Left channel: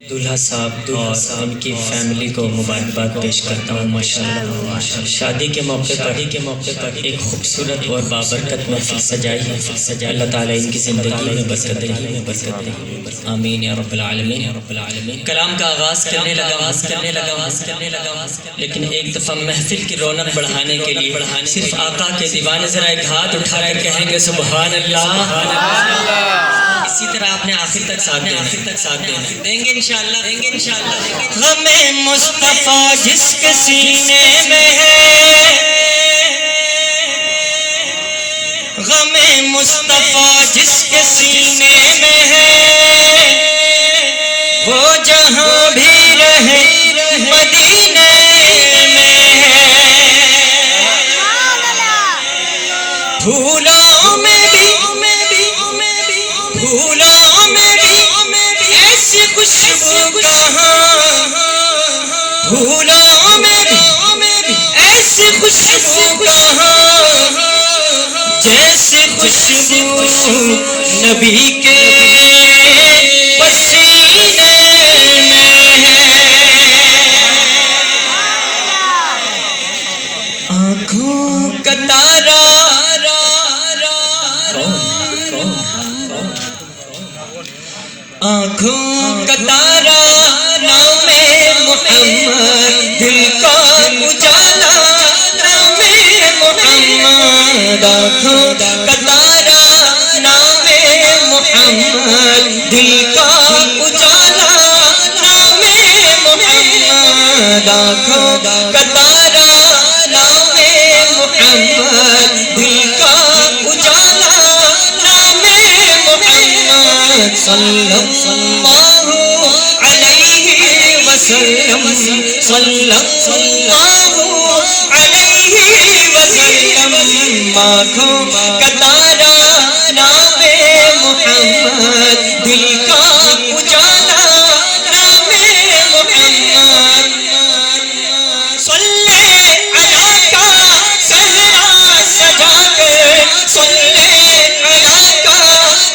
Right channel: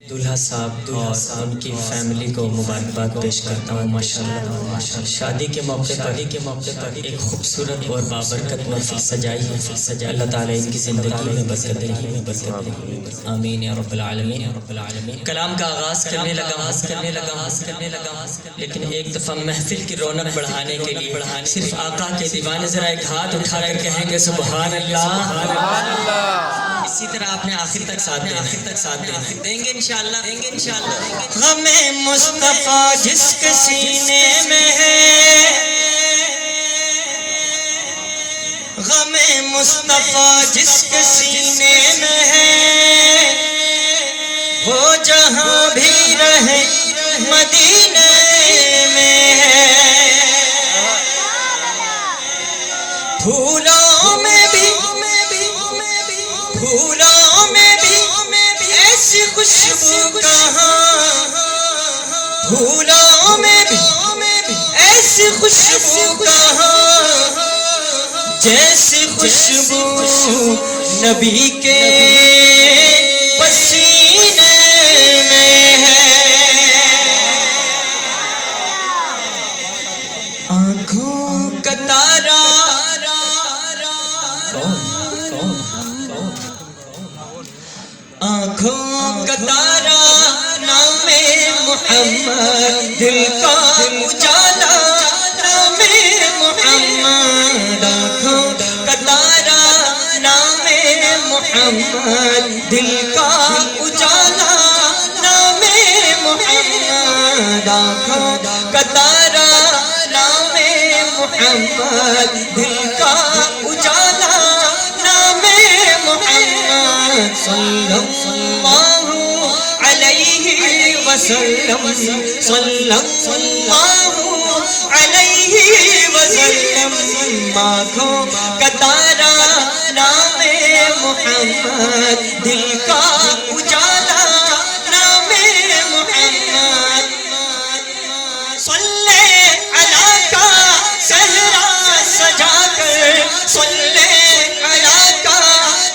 دولہا صاحب اور ان کی فیملی کو مبارکباد پیش کرتا ہوں ماشاءاللہ شادی کے موقع پر ایک خوبصورت اور بابرکت محفل سجائی ہے اللہ تعالیٰ ان کی زندگی میں برکت دے آمین یا رب العالمین کلام کا آغاز کرنے لگا لیکن ایک دفعہ محفل کی رونق بڑھانے کے لیے صرف آقا کے دیوانے ذرا ایک ہاتھ اٹھا کر کہیں گے سبحان اللہ اسی طرح آپ نے آخر تک ساتھ دینا دیں گے انشاءاللہ غم مصطفیٰ جس کے سینے میں ہے غم مصطفیٰ جس کے سینے میں ہے وہ جہاں بھی رہے مدینے میں ہے پھولوں میں بھی ایسی خوشبو کہاں پھولوں میں بھی ایسی خوشبو کہاں جیسی خوشبو نبی کے پسینے میں ہے آنکھوں کا تارا آنکھوں کا تارا نام محمد دل کا اجالا نام محمد آنکھوں کا تارا نام محمد دل کا اجالا نام محمد آنکھوں کا تارا نام محمد دل کا اجالا نام محمد صلی اللہ علیہ وسلم صلی اللہ علیہ وسلم آنکھوں کا تارا نام محمد دل کا اجالا نام محمد صلی علی کا صحرا سجا کر صلی علی کا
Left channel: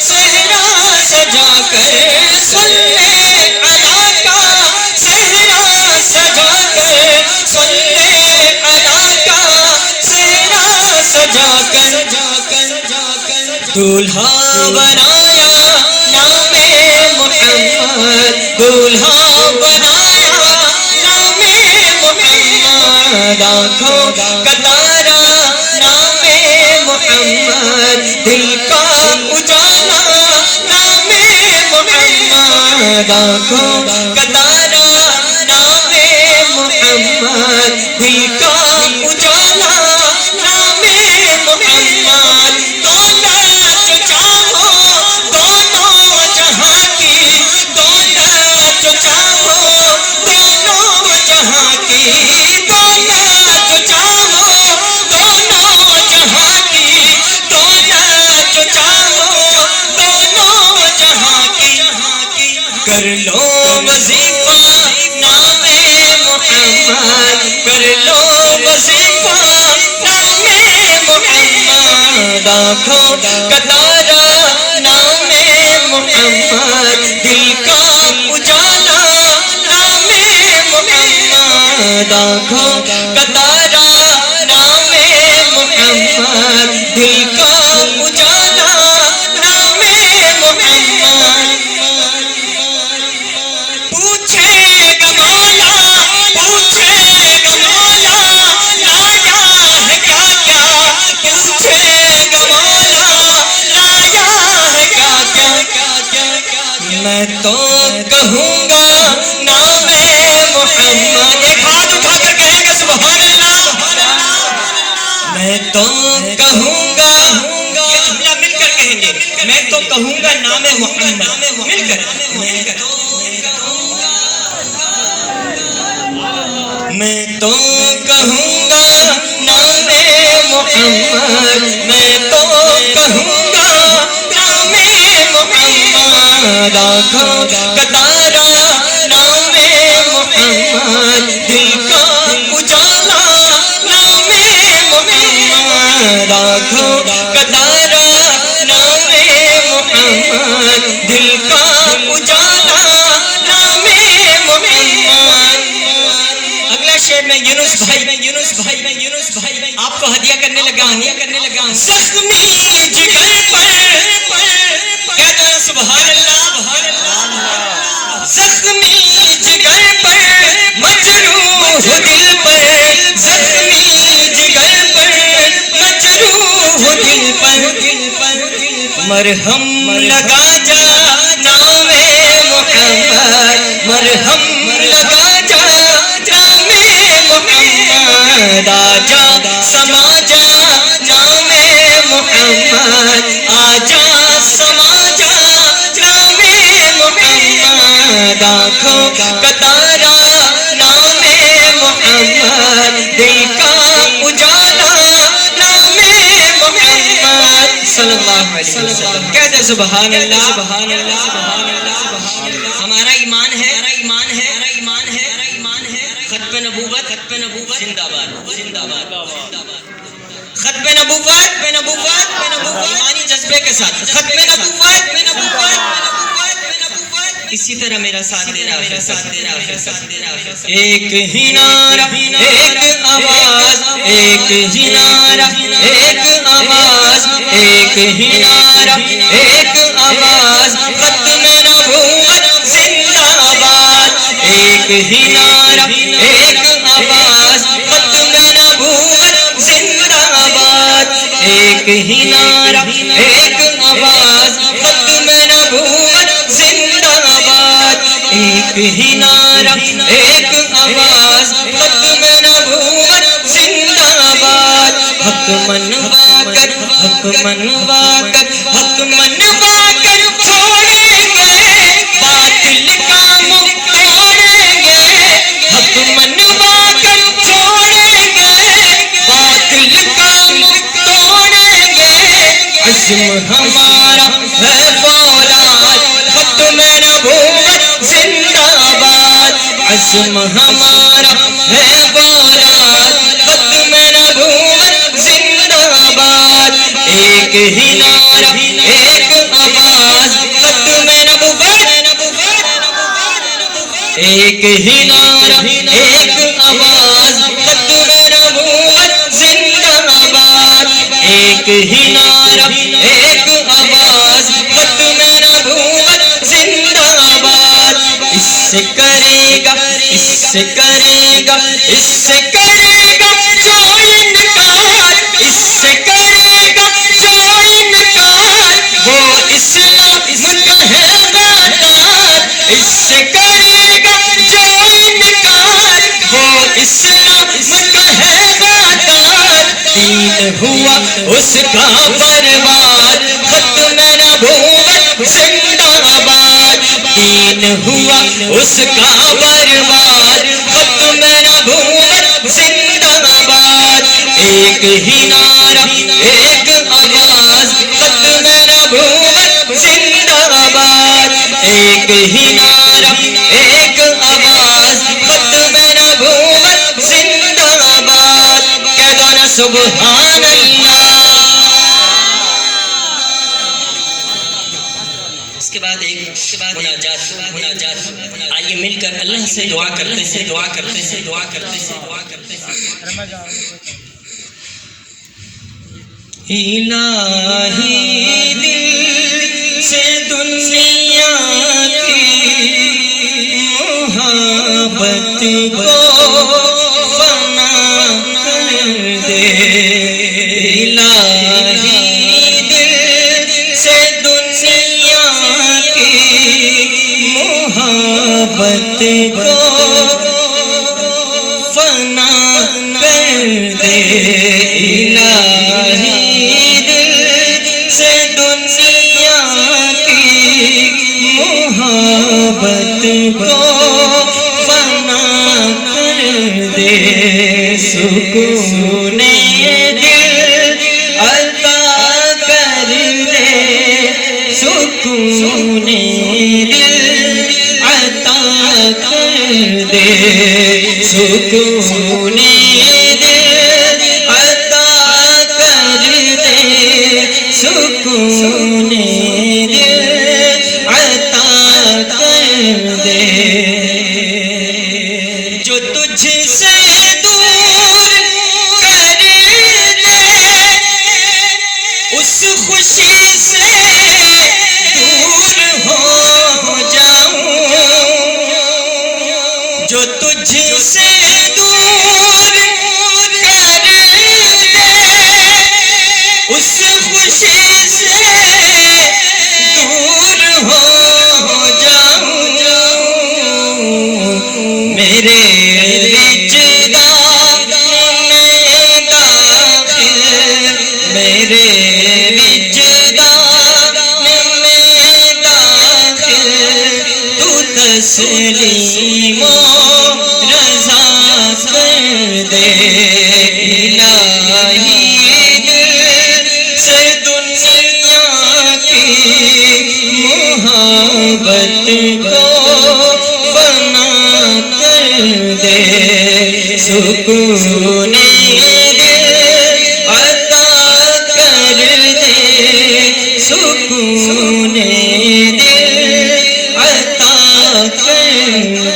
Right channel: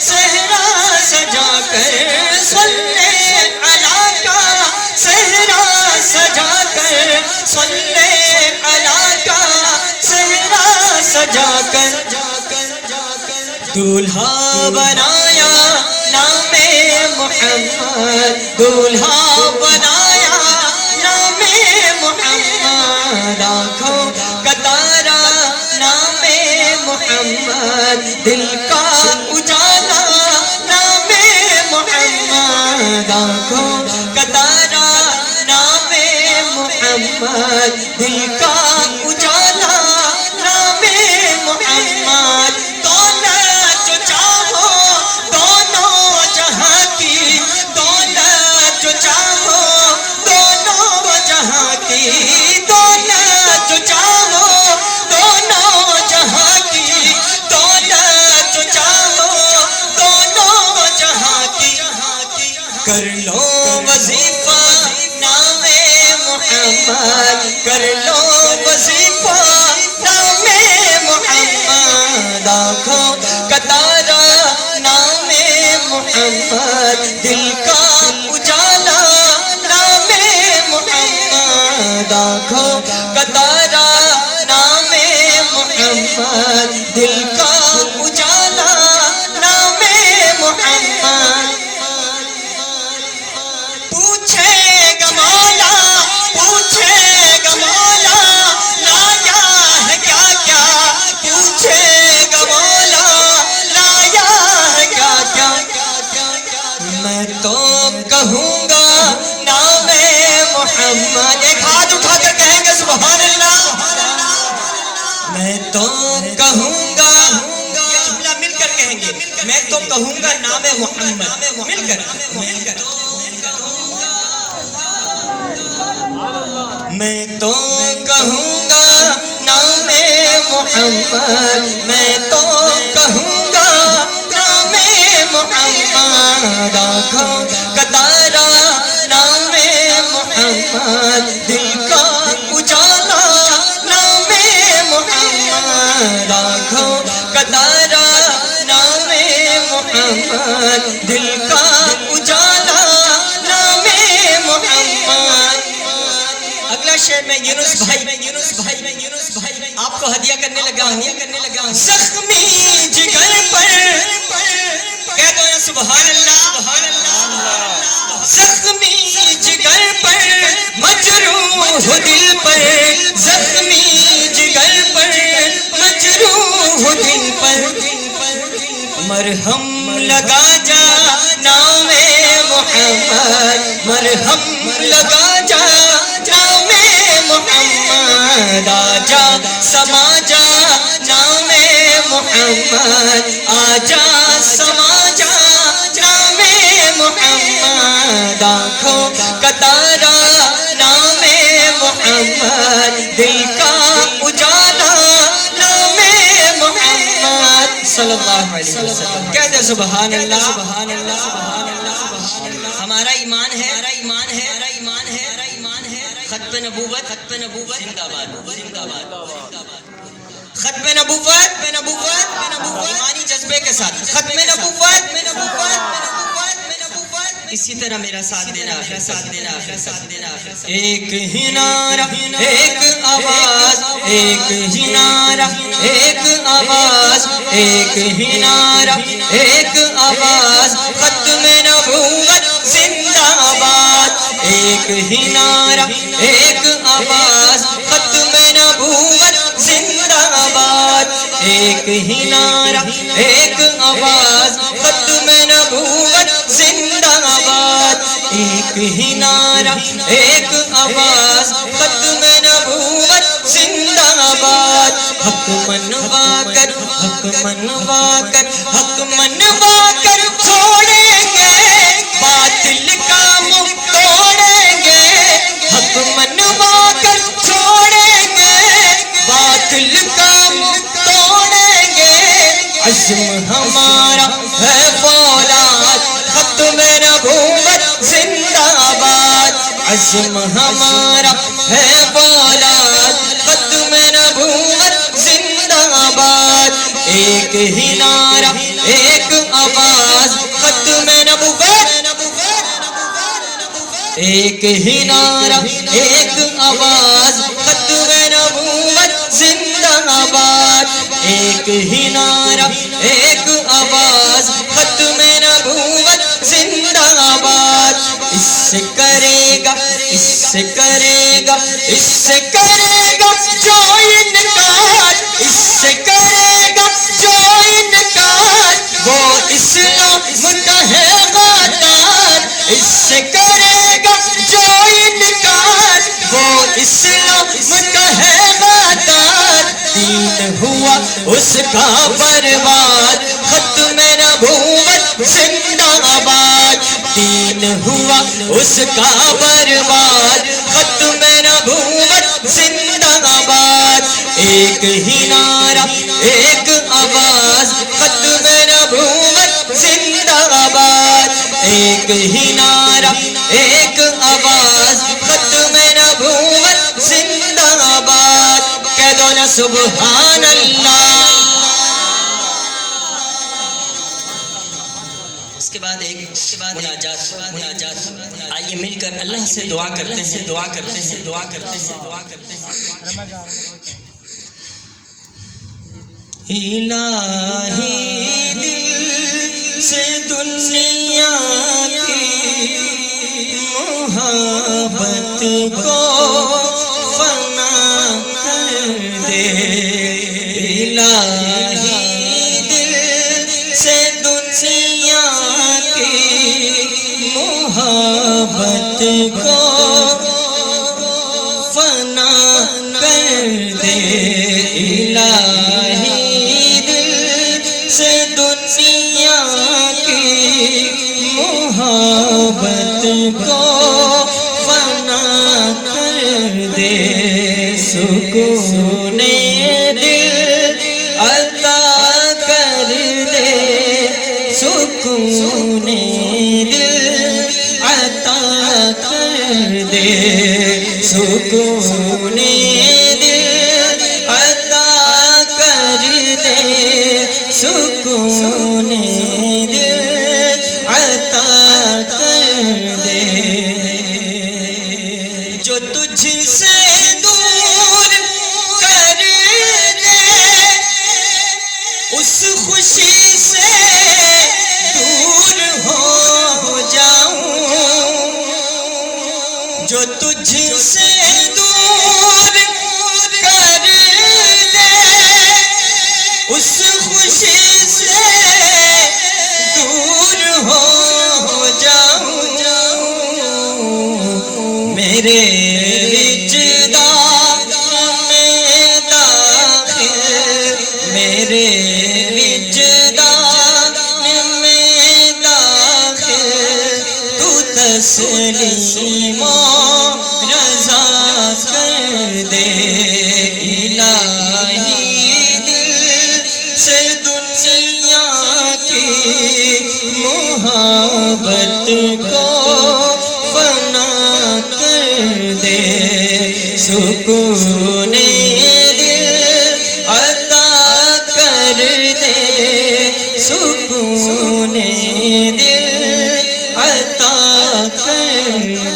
صحرا سجا کر صلی علی کا صحرا سجا کر صلی علی کا صحرا سجا کر دولہا بنایا نام محمد دولہا بنایا نام محمد آنکھوں کا تارا نام محمد دل کا اجالا نام محمد آنکھوں کا تارا نام محمد دل کا اجالا نام محمد دولت جو چاہو دونوں جہاں کی دولت جو چاہو دونوں جہاں کی دولت جو چاہو دونوں جہاں کی دولت جو چاہو دونوں جہاں کی کر لو وظیفہ نام محمد کر لو وظیفہ نام محمد آنکھوں کا تارا نام محمد دل کا اجالا نام محمد آنکھوں کا تارا نام محمد دل کا اجالا نام محمد پوچھے گا مولا لایا ہے کیا کیا پوچھے گا مولا لایا ہے کیا کیا میں تو کہوں گا نام محمد ایک ہاتھ اٹھا کر کہیں گے سبحان اللہ میں تو کہوں گا مل کر کہیں گے میں تو کہوں گا نام محمد مل کر میں تو کہوں گا نام محمد میں تو کہوں گا نام محمد آنکھوں کا تارا نام محمد دل کا اجالا نام محمد آنکھوں کا تارا نام محمد دل کا اجالا میں یونس بھائی آپ کو ہدیہ کرنے لگا ہوں زخمی جگر پر کہہ دو سبحان اللہ زخمی جگر پر مجروح دل پر زخمی جگر پر مجروح دل پر مرہم لگا جا نام محمد مرہم لگا جا نام محمد آجا سما جا نام محمد آجا سما جا نام محمد آنکھوں کا تارا نام محمد دل کا اجالا نام محمد صلی اللہ علیہ وسلم کہتے سبحان اللہ ہمارا ایمان ہے ختم نبوت زندہ باد ختم نبوت ایمانی جذبے کے ساتھ ختم نبوت اسی طرح میرا ساتھ دینا ایک ہی نعرہ ایک آواز ایک ہی نعرہ ایک آواز ایک ہی نعرہ ایک آواز ختم نبوت زندہ باد ایک ہی نعرہ ایک آواز ختم نبوت زندہ باد ایک ہی نعرہ ایک آواز ختم نبوت زندہ باد ایک ہی نعرہ ایک آواز ختم نبوت زندہ باد حق منوا کر چھوڑیں گے باطل کا منہ توڑیں گے حق منوا کر چھوڑیں گے باطل کا منہ توڑیں گے عزم ہمارا ہے فولاد ختم نبوت زندہ باد عزم ہمارا ہے فولاد ختم نبوت زندہ باد ایک ہی نعرہ ایک آواز ختم نبوت ایک ہی نعرہ ایک آواز ختم نبوت زندہ باد ایک ہی نعرہ ایک آواز ختم نبوت زندہ باد اس سے کرے گا جو انکار اس سے کرے گا جو انکار وہ اسلام کا ہے غدار اس سے کرے گا جو انکار وہ اسلام کا ہے غدار دین ہوا اس کا برباد ختم نبوت زندہ باد دین ہوا اس کا برباد ختم نبوت زندہ باد ایک ہی نعرہ ایک آواز ختم نبوت زندہ باد ایک ہی نعرہ ایک آواز ختم نبوت زندہ باد کہہ دو نا سبحان اللہ اس کے بعد مناجات آئیے مل کر اللہ سے دعا کرتے ہیں الہی دل سے دنیا کی محبت کو فنا کر دے الہی دل سے دنیا کی محبت کو فنا کر دے الہی دل سے دنیا کی محبت کو فنا کر دے سکون دل عطا کر دے سکون دل عطا کر دے سکون دل عطا کر دے سکون دل عطا کر دے جو تجھ سے جو تجھ سے دور کر دے اس خوشی سے دور ہو جاؤں میرے وجدان میں داخل میرے وجدان میں داخل تو تسلیم و رضا کر دے الہی دل سے دنیا کی محبت کو فنا کر دے سکون دل عطا کر دے سکون دل عطا کر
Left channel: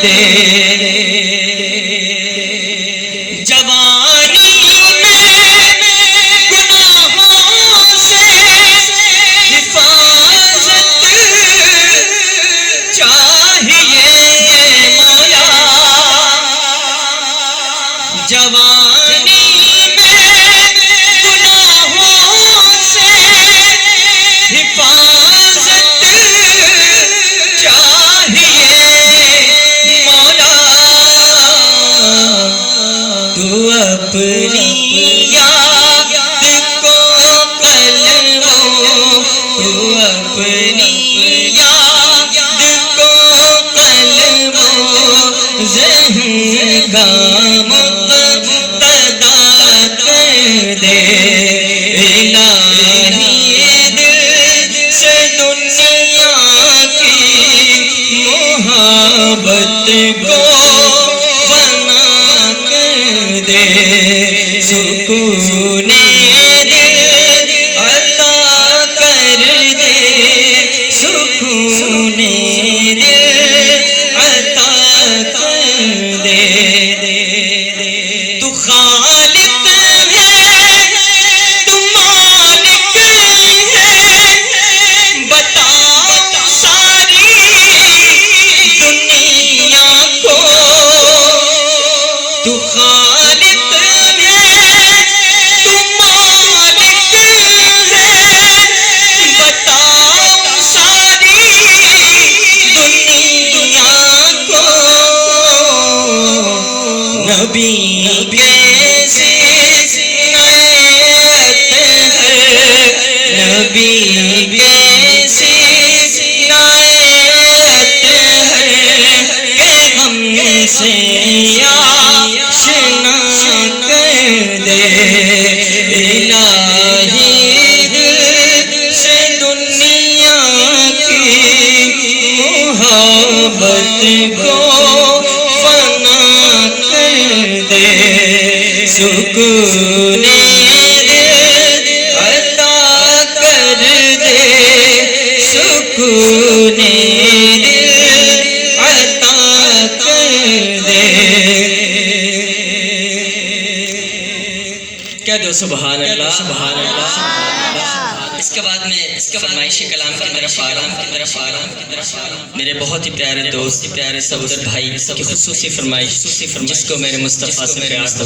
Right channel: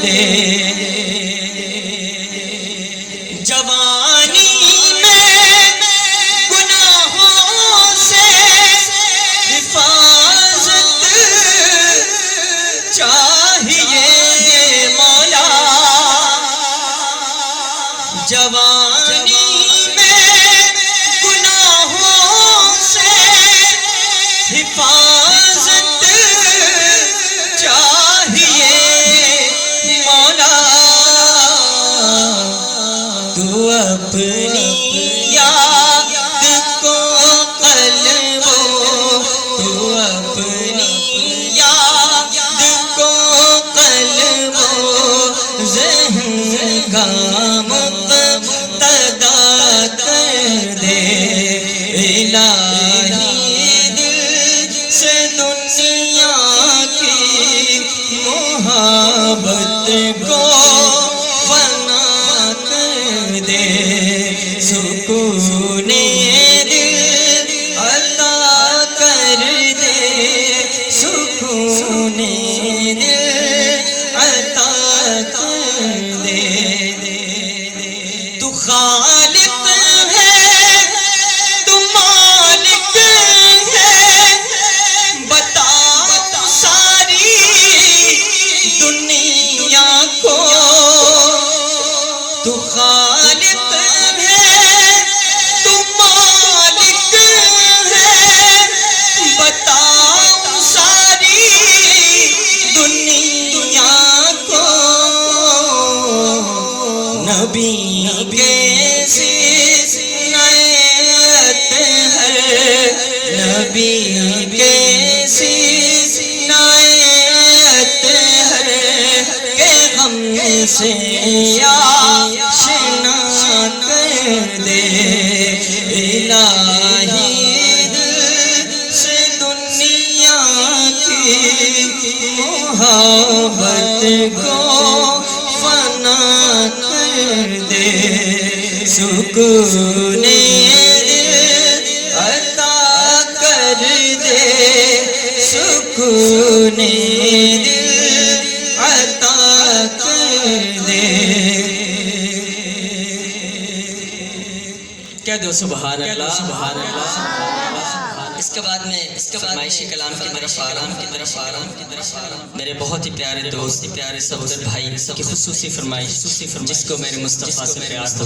دے جوانی میں گناہوں سے حفاظت چاہیے مولا جوانی میں گناہوں سے حفاظت چاہیے مولا تو اپنی یاد کو قلبوں تو اپنی یاد کو قلبوں ذہن کا مقتدا کر دے الہی دل سے دنیا کی محبت کو فنا کر دے سکون دل عطا کر دے سکون دل عطا کر دے تو خالق ہے تو مالک ہے بتا ساری دنیا کو تو خالق ہے تو مالک ہے بتا ساری دنیا کو نبی کیسی نعمت ہے نبی کیسی نعمت ہے کہ ہم سے آشنا کر دے الہی دل سے دنیا کی محبت کو فنا کر دے سکون دل عطا کر دے سکون دل عطا کر دے کہہ دو سبحان اللہ سبحان اللہ اس کے بعد میں فرمائش کلام کی طرف آ رہا ہوں میرے بہت ہی پیارے دوست پیارے صدر بھائی کی خصوصی فرمائش جس کو میرے مصطفیٰ سے پیار ہو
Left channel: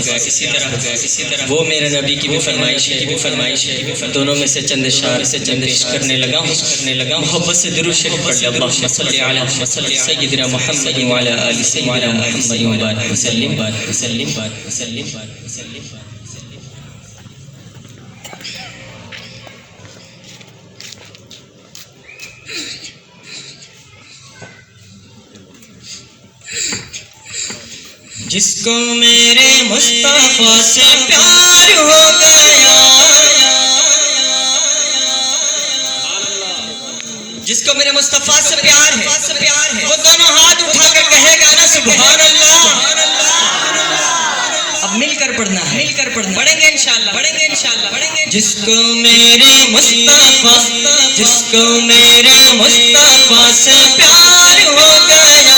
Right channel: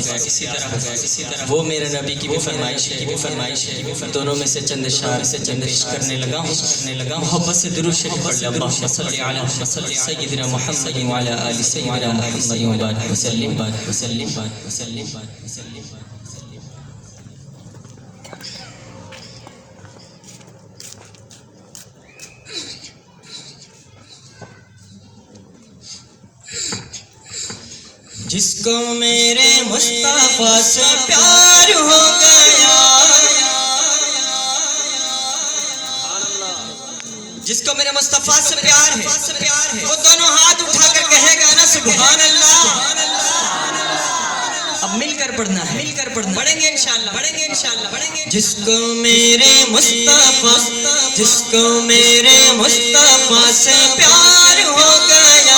گیا اسی طرح وہ میرے نبی کی بھی فرمائش ہے دونوں میں سے چند اشعار سے چند عشق کرنے لگا محبت سے درود شریف پڑھ لیں اللہم صلی علی سیدنا محمد وعلی آل سیدنا محمد وبارک وسلم جس کو میرے مصطفیٰ سے پیار ہو گیا جس کو میرے مصطفیٰ سے پیار ہے وہ دونوں ہاتھ اٹھا کر کہے گا نا سبحان اللہ اب مل کر پڑھنا ہے پڑھیں گے انشاءاللہ جس کو میرے مصطفیٰ سے پیار ہو گیا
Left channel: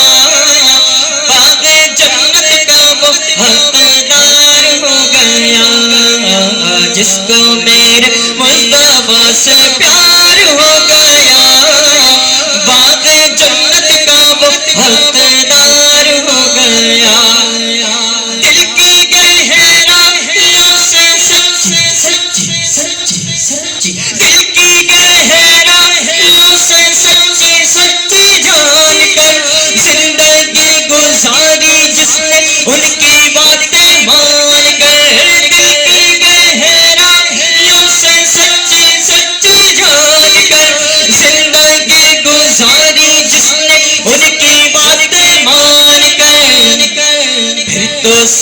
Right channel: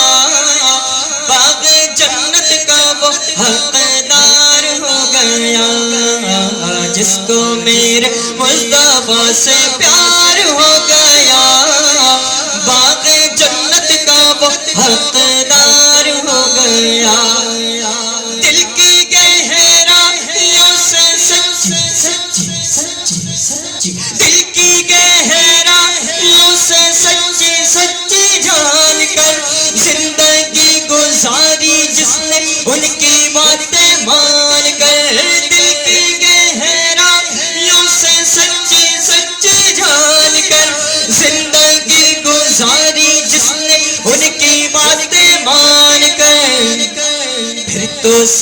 باغ جنت کا وہ حقدار ہو گیا جس کو میرے مصطفیٰ سے پیار ہو گیا باغ جنت کا وہ حقدار ہو گیا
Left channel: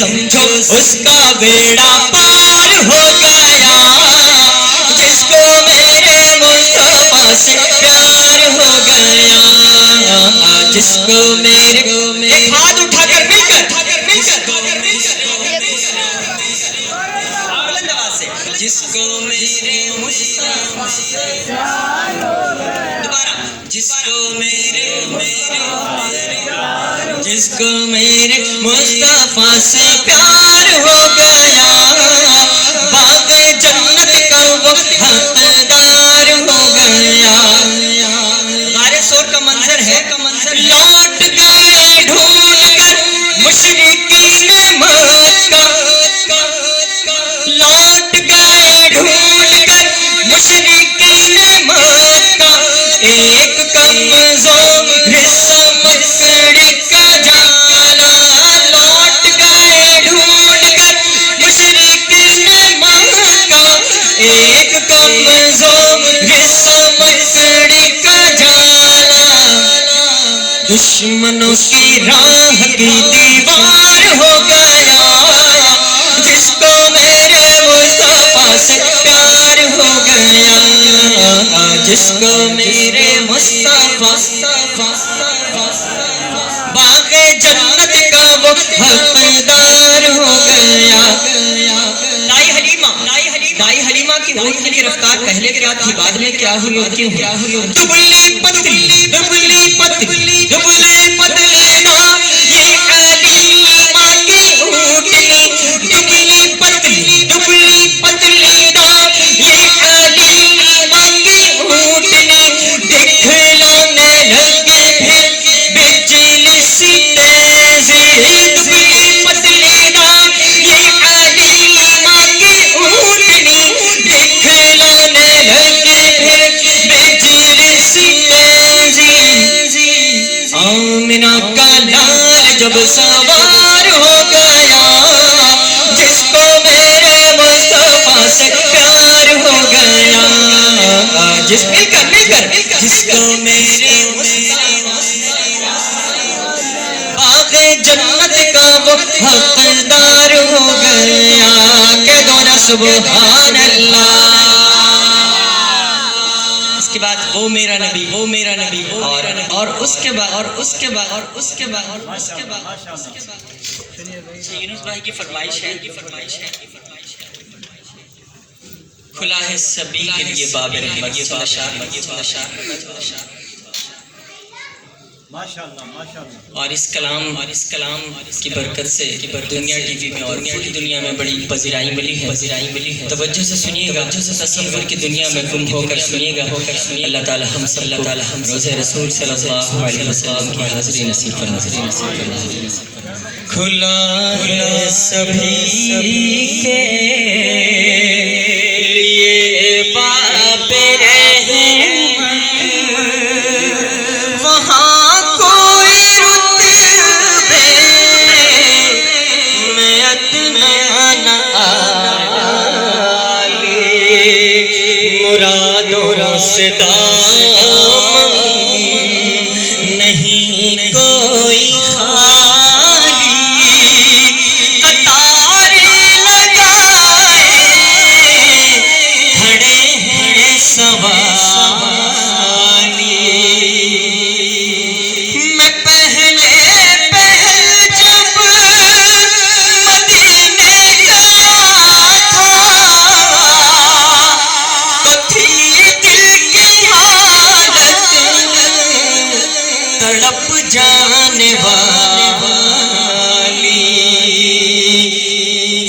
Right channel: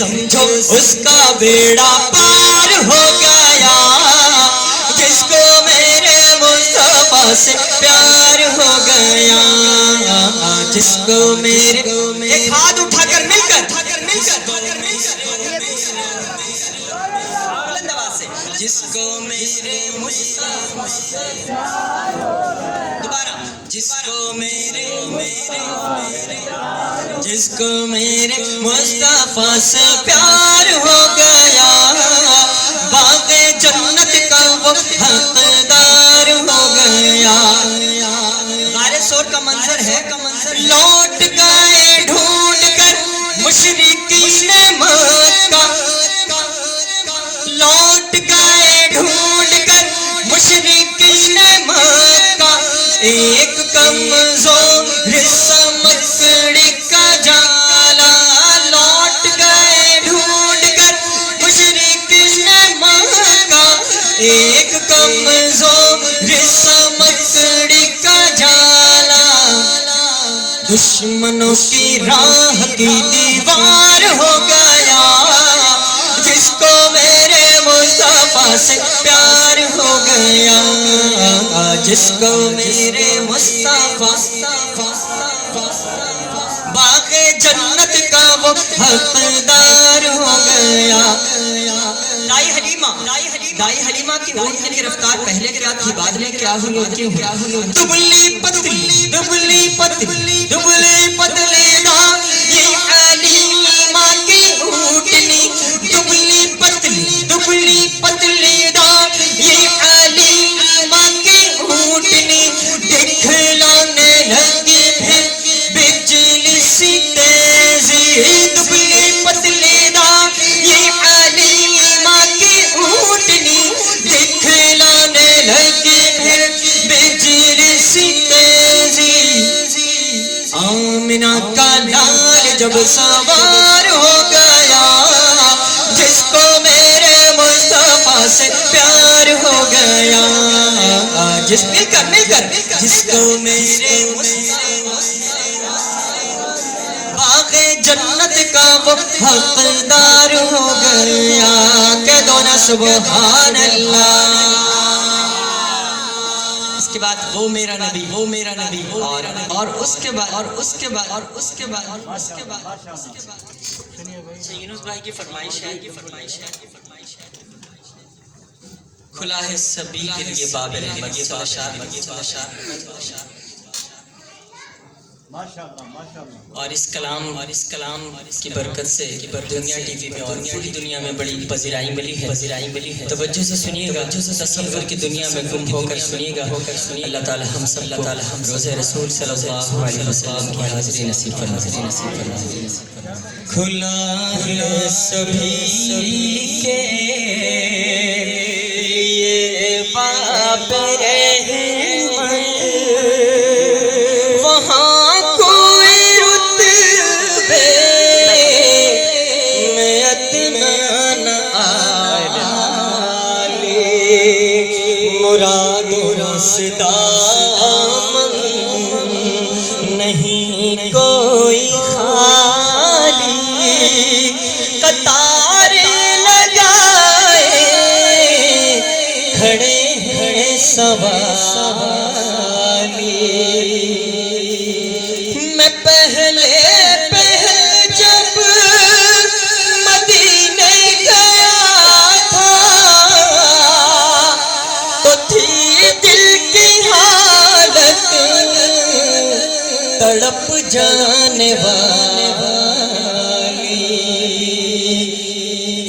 سمجھو اس کا بیڑا پار ہو گیا، جس کو میرے مصطفیٰ سے پیار ہو گیا، جس کو میرے ایک ہاتھ اٹھا کر مل کر جس کو میرے مصطفیٰ سے دوبارہ جس کو میرے مصطفیٰ سے پیار ہو گیا، باغ جنت کا وہ حقدار ہو گیا۔ غار سور کا منظر ہے، لوٹ گئے ڈھونڈ کر مشرکین مکہ، لوٹ گئے ڈھونڈ کر مشرکین مکہ، ایک کمزور مکڑی کا جالا، لوٹ گئے ڈھونڈ کر مشرکین مکہ، ایک کمزور مکڑی کا جالا، دشمنوں کی راہ کی دیوار ہو گیا، جس کو میرے مصطفیٰ سے پیار ہو گیا، جس کو میرے مصطفیٰ باغ جنت کا وہ حقدار ہو گیا۔ دائی حلیمہ کی اونٹ کی رفتار پہلے کیا تھی، بعد میں کیا ہوئی ہوتی ہے؟ دبلی پتلی نا یہ حلیمہ کی اونٹنی، دبلی پتلی نا یہ حلیمہ کی اونٹنی، دکھلانے لگی پھر بجلی سی تیزی، دبلی پتلی نا یہ حلیمہ کی اونٹنی، دکھلانے لگی پھر بجلی سی تیزی، آمنہ کا لال جب سوار ہو گیا، جس کو میرے مصطفیٰ سے پیار ہو گیا، جس جس کو میرے باغ جنت کا وہ حقدار ہو گیا، کہ دونا سبحان اللہ۔ اس کے بعد وہ میرا نبی اور اس کے بعد یونس بھائی کی فرمائش ہے، کھلا ہے سبھی کے لیے باب رحمت اور اس کلام کی برکت سے دنیا ٹی وی میں اور پوری دنیا میں بڑی پذیرائی ملی ہے۔ توجہ سے سنیے گا، تصور کی دنیا میں گم ہو کر سنیے گا۔ اللہ تعالی ہم سب کو روز رسول صلی اللہ علیہ وسلم کی حاضری نصیب فرمائے۔ کھلا ہے سبھی کے لیے باب رحمت، وہاں کوئی رتبے میں ادنا نہ آلی، مرادوں سے دامن نہیں کوئی خالی، قطاریں لگائے کھڑے ہیں سوالی، میں پہلے جب مدینے گیا تھا تو تھی دل کی حالت تڑپ جانے والی،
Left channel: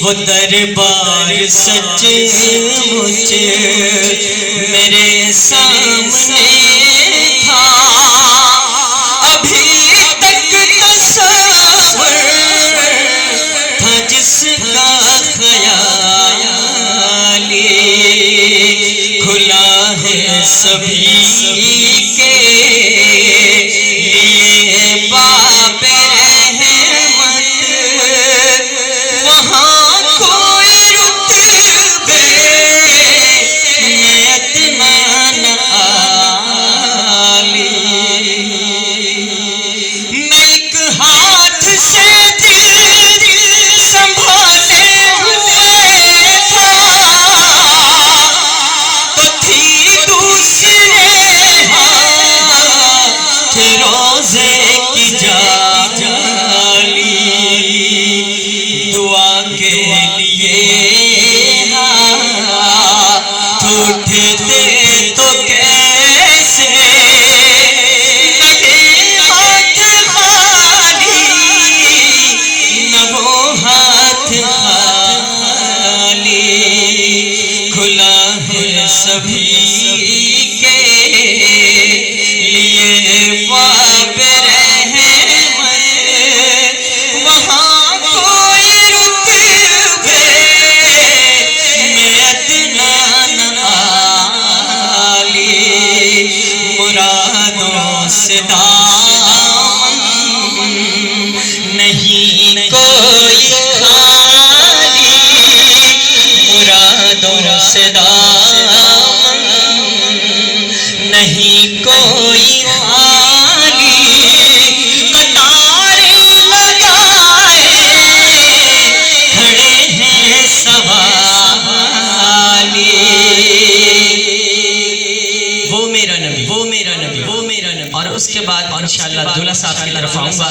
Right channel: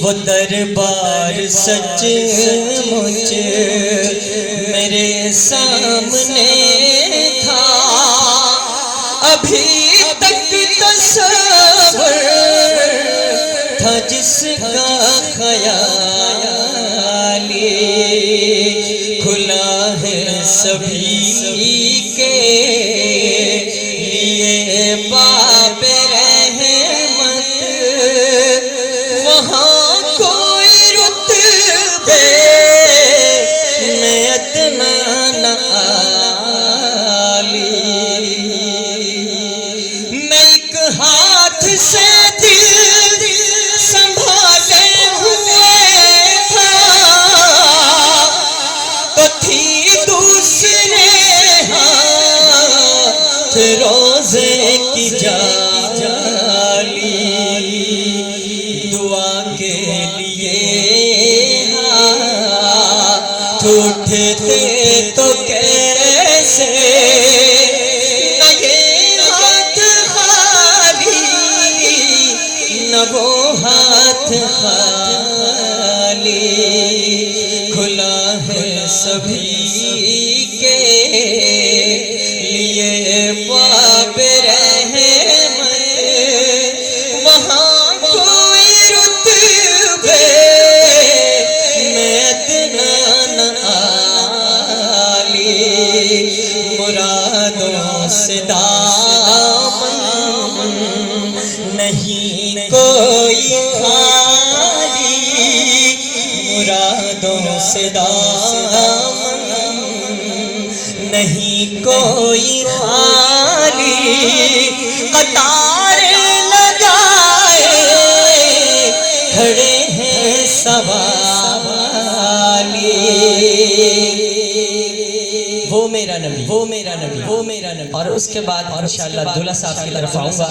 وہ دربار سچ مجھ میرے سامنے تھا، ابھی تک تصور تھا جس کا خیالی، کھلا ہے سبھی کے لیے باب رحمت، وہاں کوئی رتبے میں ادنا نہ نہیں کوئی خالی مرادوں سے دامن، نہیں کوئی خالی قطار لگائے کھڑے ہیں سوالی۔ وہ میرا نبی، وہ میرا نبی، وہ میرا نبی۔ اور اس کے بعد انشاءاللہ دولہ صاحب کی طرف آؤں گا۔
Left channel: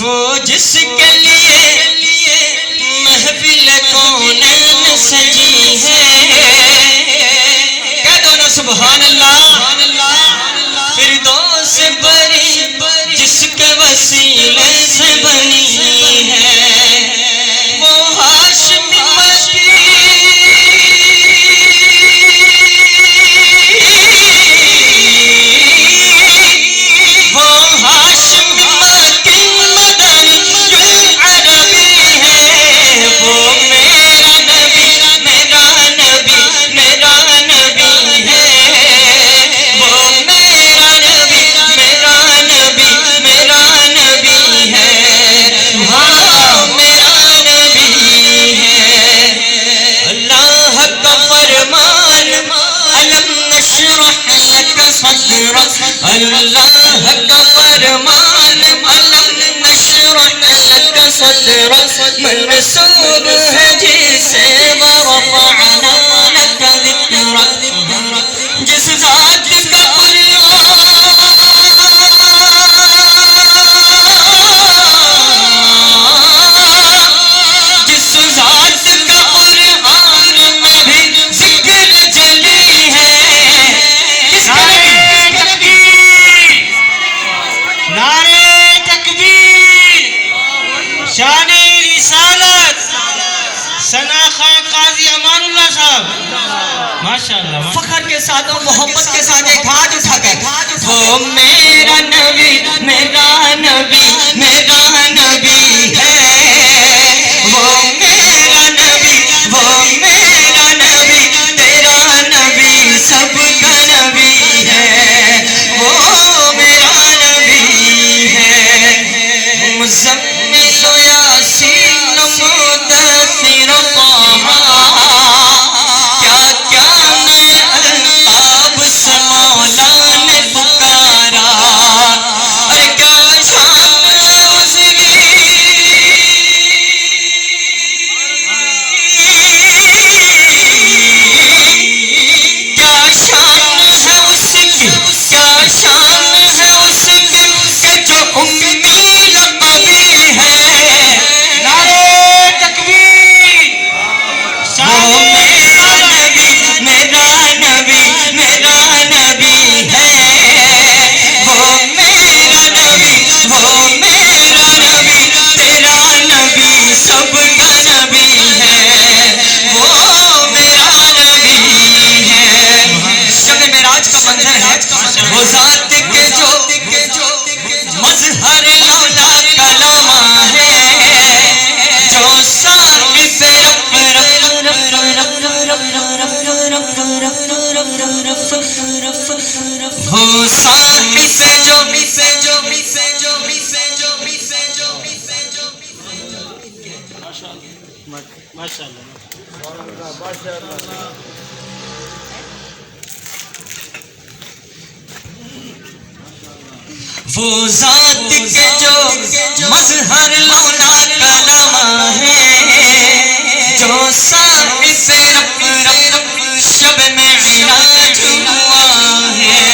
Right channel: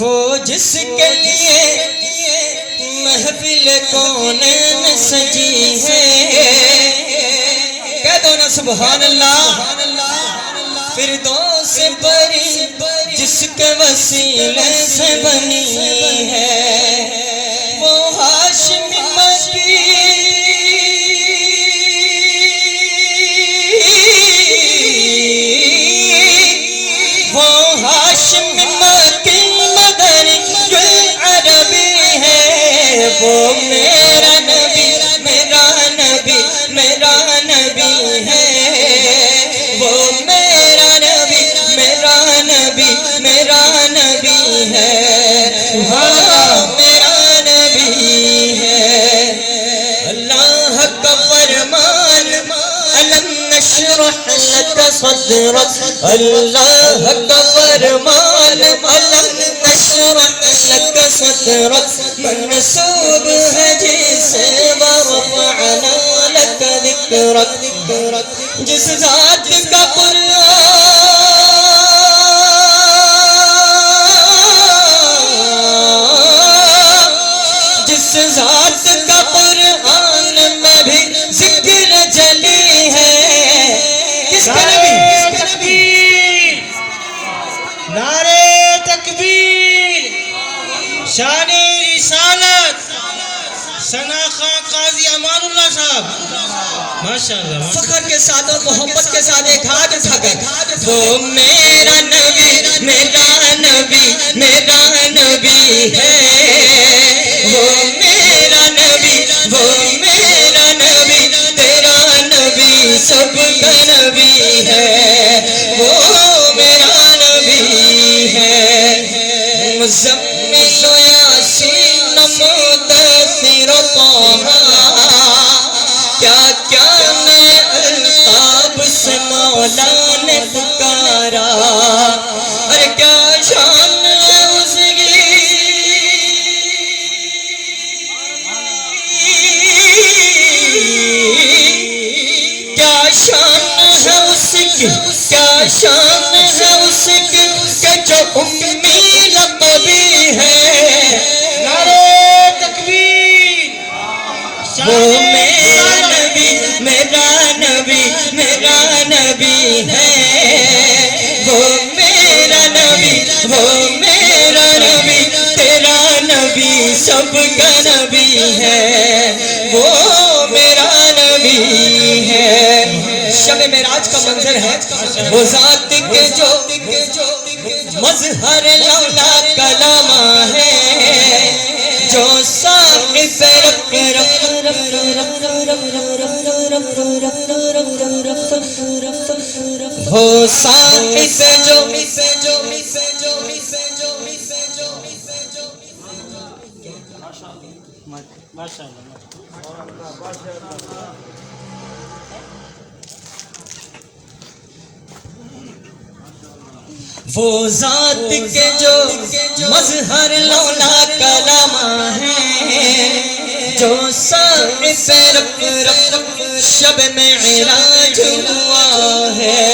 وہ جس کے لیے محفل کونین سجی ہے، کہہ دو نا سبحان اللہ۔ فردوس بری جس کے وسیلے سے بنی ہے، وہ ہاشمی وہ میرا نبی، میرا نبی، میرا نبی ہے، وہ میرا نبی، میرا نبی، میرا نبی ہے، ہاں میرا نبی ہے۔ اللہ کا فرمان الم نشرح لک صدرک، اللہ کا فرمان الم نشرح لک صدرک منصوب ہے جسے ورفعنا لک ذکرک، جس ذات کا قرآن، جس ذات کا قرآن میں بھی ذکر جلی ہے، کس کا تکبیر، نعرہ تکبیر، شان رسالت، ثنا خان قاضی امان اللہ صاحب، ماشاءاللہ۔ فخر کے ساتھ اور محبت کے ساتھ ایک ہاتھ اٹھا کر، وہ میرا نبی، میرا نبی، میرا نبی ہے، وہ میرا نبی، وہ میرا نبی، تیرا نبی سب کا نبی ہے، وہ میرا نبی ہے۔ مزمل یاسین مدثر طہ، کیا کیا نئے القاب سے مولا نے پکارا، ارے کیا شان ہے اس کی، کیا شان ہے اس کی، کیا شان ہے اس کی کہ جو امی لقبی ہے، نعرہ تکبیر، وہ میرا نبی، میرا نبی، میرا نبی ہے، وہ میرا نبی، وہ میرا نبی، تیرا نبی سب کا نبی ہے، وہ میرا نبی ہے۔ شب معراج کا منظر ہے، وہ ذات کے جو مظہر لولا کلامہ ہے، جو صاحب ہو صاحب جو وہ ذات کے جو مظہر لولا کلامہ ہے، جو صاحب شب معراج ہوا ہے،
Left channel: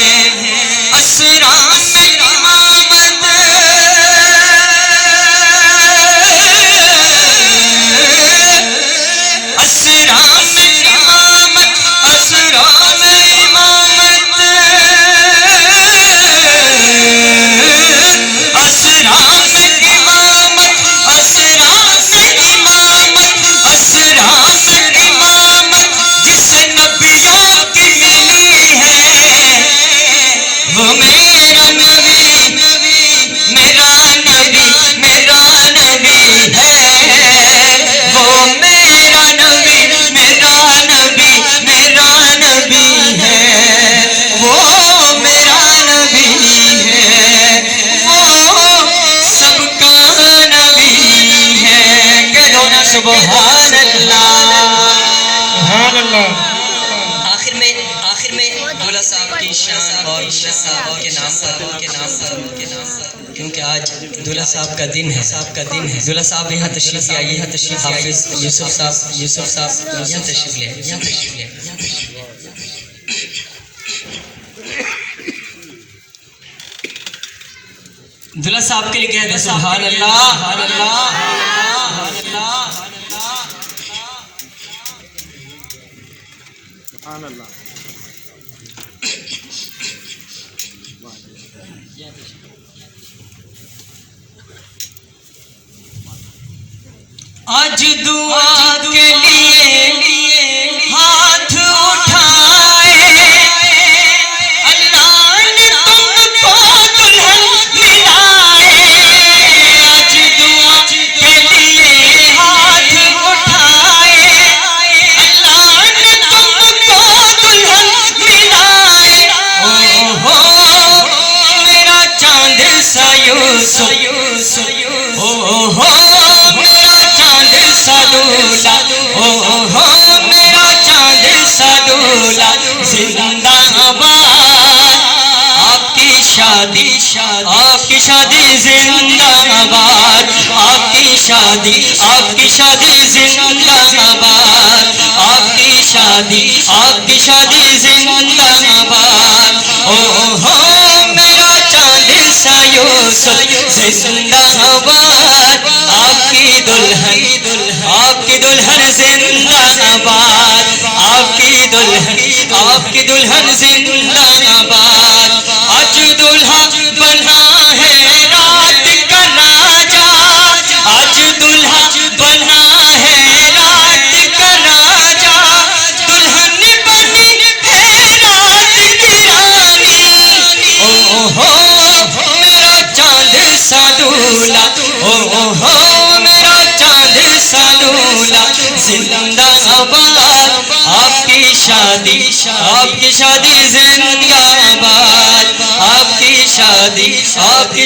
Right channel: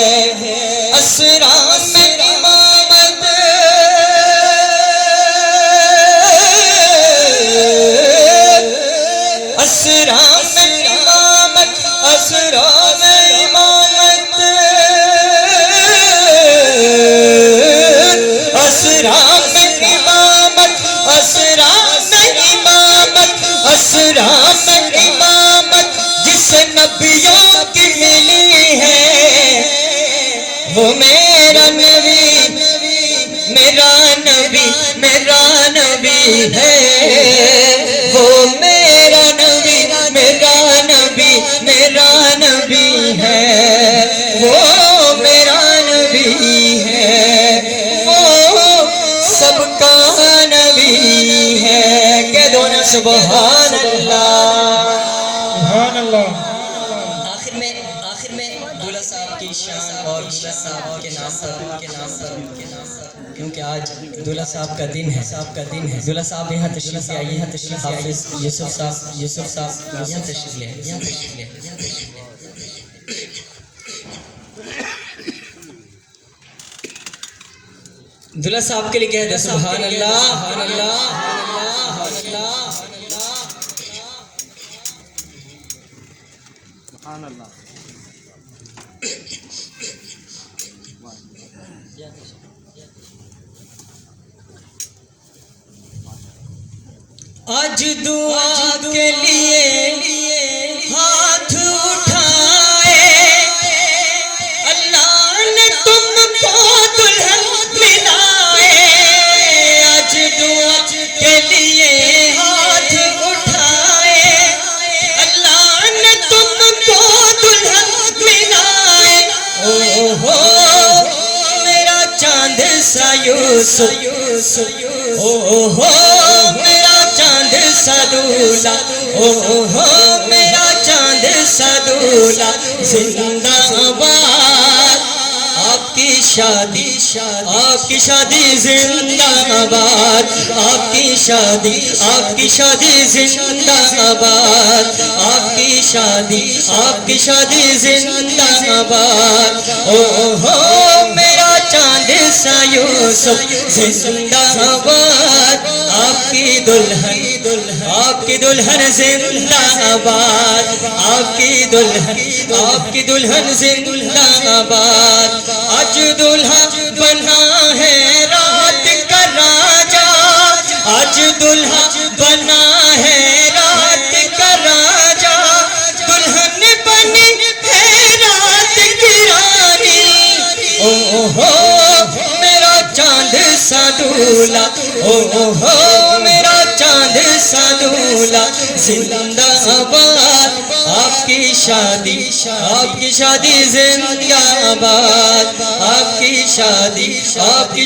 اسرا میں امامت، اسرا میں امامت، اسرا میں امامت، اسرا میں امامت، اسرا سبحان اللہ سبحان اللہ. آخر میں دولہ صاحب کی شان اور صاحب کے نام پر کیونکہ آج دولہ صاحب کا دن ہے دولہ صاحب یہاں تشریف لے آئیے حافظ یوسف صاحب یہاں تشریف لے آئیے. دولہ صاحب کے لیے کہہ دیں سبحان اللہ. آج دعا کے لیے ہاتھ اٹھائے اللہ نے تم کو دلہن دلائے. آج دعا کے لیے ہاتھ اٹھائے اللہ نے تم کو دلہن دلائے. او ہو میرا چاند سا یوسف او ہو سدولا او ہو میرا چاند سدولا زندہ آباد آپ کی شادی زندہ آباد آپ کی شادی زندہ آباد آپ کی شادی زندہ آباد. او ہو میرا چاند سا یوسف زندہ آباد آپ کی دلہن زندہ آباد آپ کی دلہن زندہ آباد. آج دلہا بنا ہے رات کا راجا آج دلہا بنا ہے رات کا راجا دلہن بنی ہے رات کی رانی. او ہو میرا چاند سا دولہا او ہو میرا چاند سا دولہا زندہ آباد آپ کی شادی زندہ آباد آپ کی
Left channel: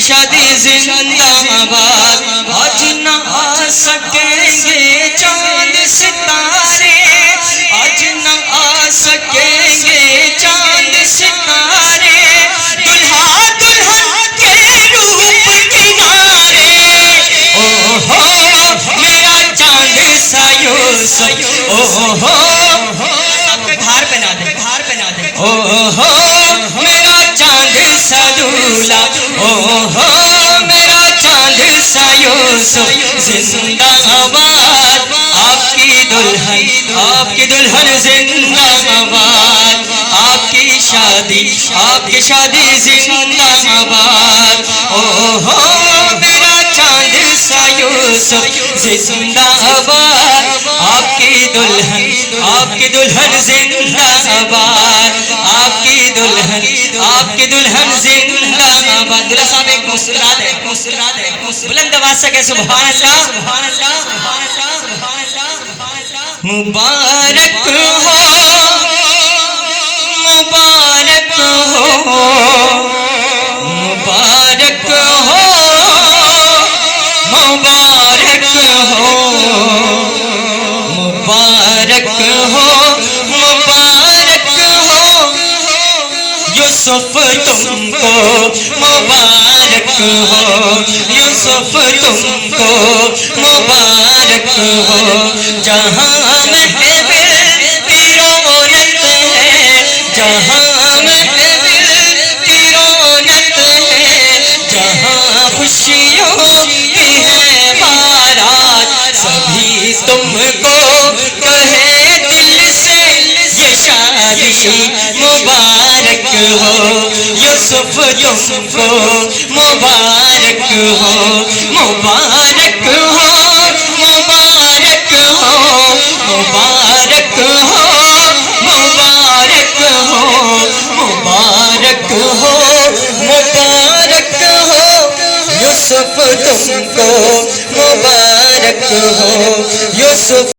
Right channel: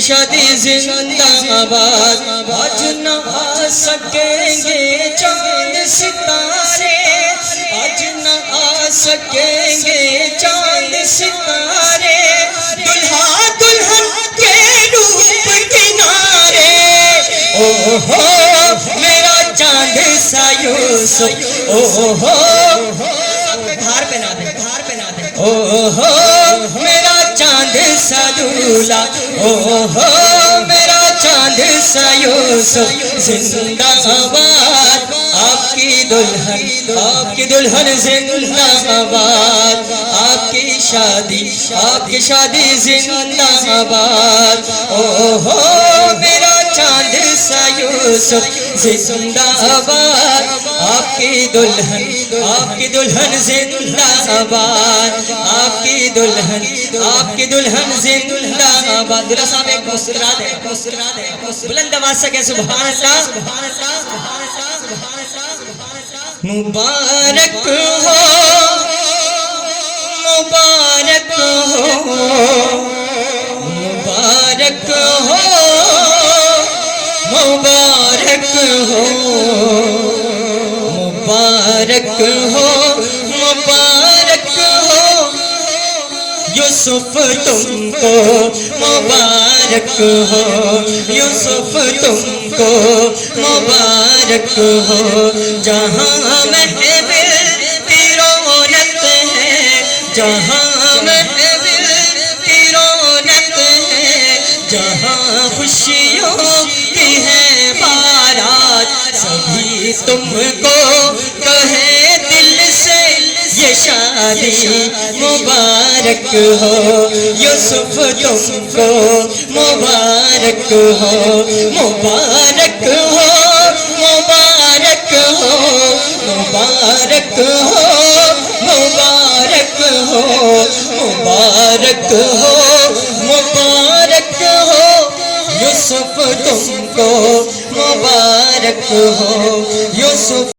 شادی زندہ آباد. آج نہ آ سکیں گے چاند ستارے آج نہ آ سکیں گے چاند ستارے دلہا دلہن کے روپ کنارے. او ہو میرا چاند سا یوسف او ہو دھار بنا دے او ہو میرا چاند سا دولہا او ہو میرا چاند سا یوسف زندہ آباد آپ کی دلہن زندہ آباد آپ کی شادی زندہ آباد. او ہو میرا چاند سا یوسف زندہ آباد آپ کی دلہن زندہ آباد آپ کی دلہن زندہ آباد. دولہ صاحب ایک مسکرا دے بلند آواز سے کہ سبحان اللہ. مبارک ہو مبارک ہو مبارک ہو مبارک ہو مبارک ہو مبارک ہو یوسف تم کو مبارک ہو یوسف تم کو مبارک ہو. جہاں محفل کی رونق ہے جہاں محفل کی رونق ہے جہاں خوشیوں کی ہے بارات سبھی تم کو کہے دل سے یہ شادی مبارک ہو. یوسف تم کو مبارک ہو مبارک ہو مبارک ہو مبارک ہو مبارک ہو مبارک ہو مبارک ہو یوسف تم کو مبارک ہو یوسف